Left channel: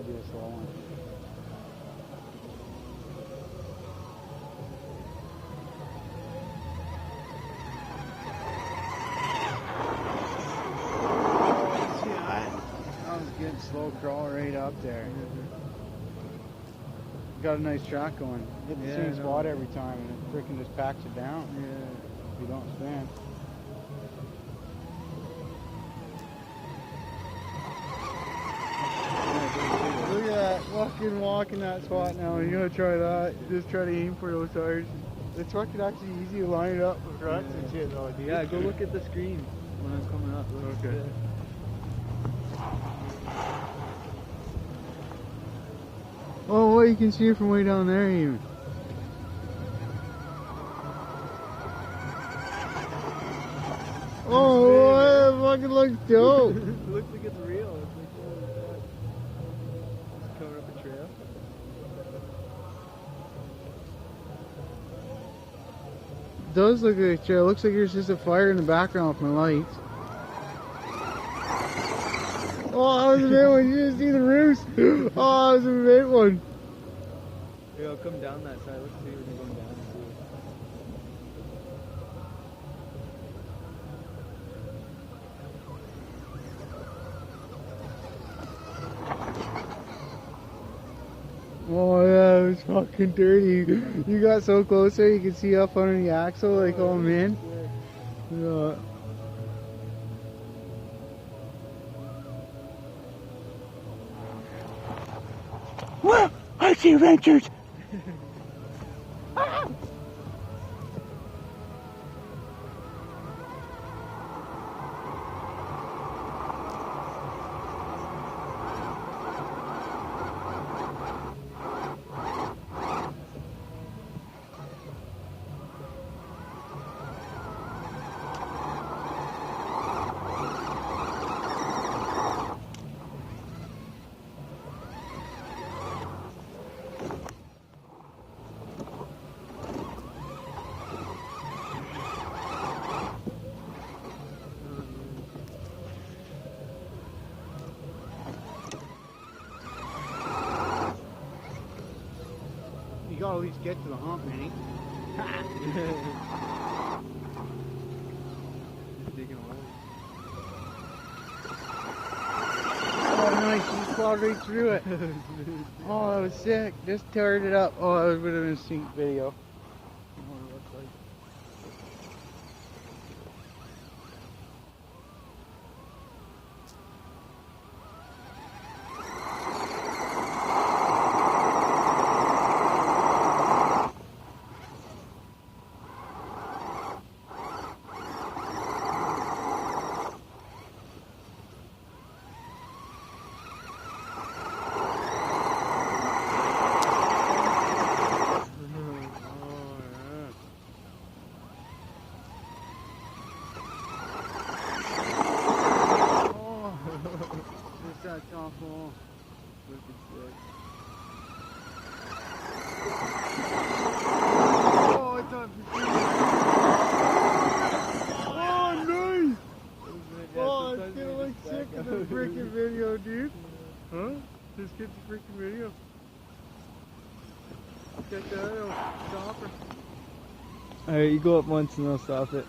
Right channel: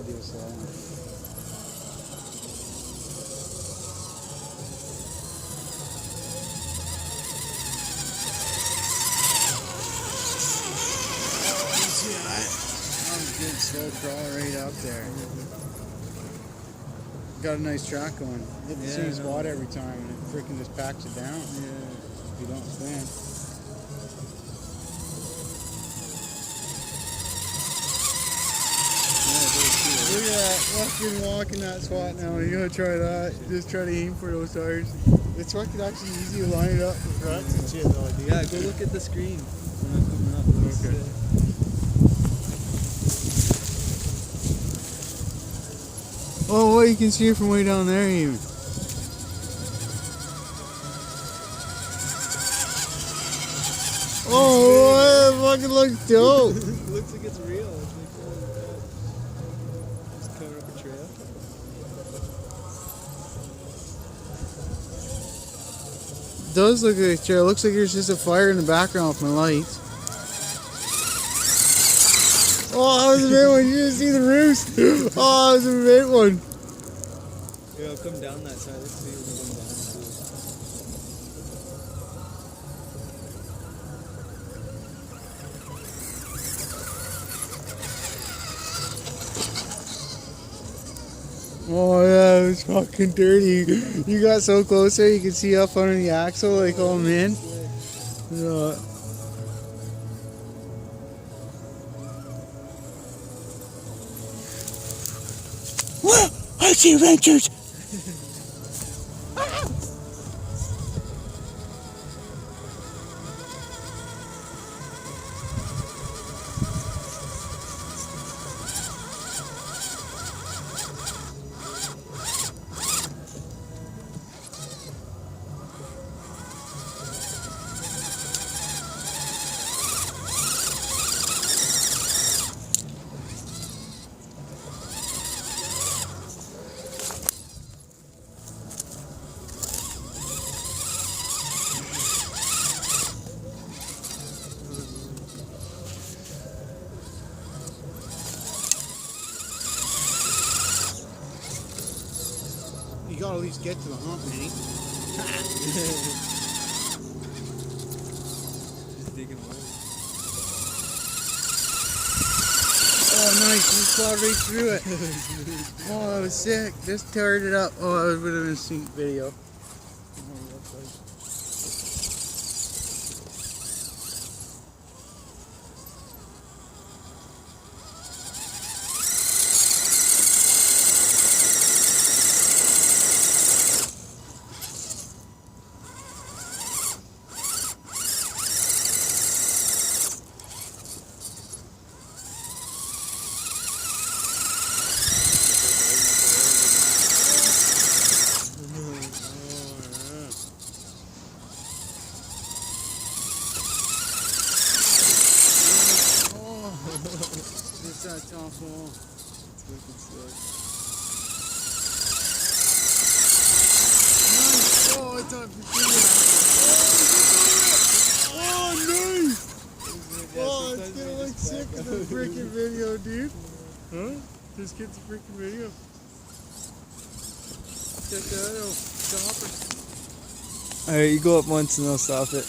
I'd do a slow one. See that? That was a good slow crawl right up there. Got a nice track going. Hit the same spot every time and it freaking just packs it down. Yeah. If you don't spin. Look at that, fucking walking that spot now. You gotta try that. Just try to aim for those tires. It's fucking actually easy to line it up with ruts and shit though, dude. Yeah, go look at the screen when I'm coming up. Okay. Oh, well, you can see it from way down there even. Oh, that fucking looks dope. Looks like it's real. Just cover up a trail. It does look like a trail. It looks like there's just a fire in the background with my lights. Oh, that was a big one. You didn't see the roost. Oh, that was a big one. Yeah, I'll come down that side. Let's see if we can come down. Oh yeah, it was fucking dirty. You got so close there, you could see up under the axle, like, oh man. Yeah. What? I see wrenches. You gotta at least get to the hump, Manny. Just digging a hole. Oh nice, you just plowed right through it. Oh, that was sick. Just teared it up. Oh, that would have been a sweet video. That's awful. It's looking sick. Oh, it's on Oh, nice! Oh, it's gonna look sick in the freaking video, dude. Huh? Just get the freaking video. Check that out. Stop it. Alright, you go up once and I'll stop it.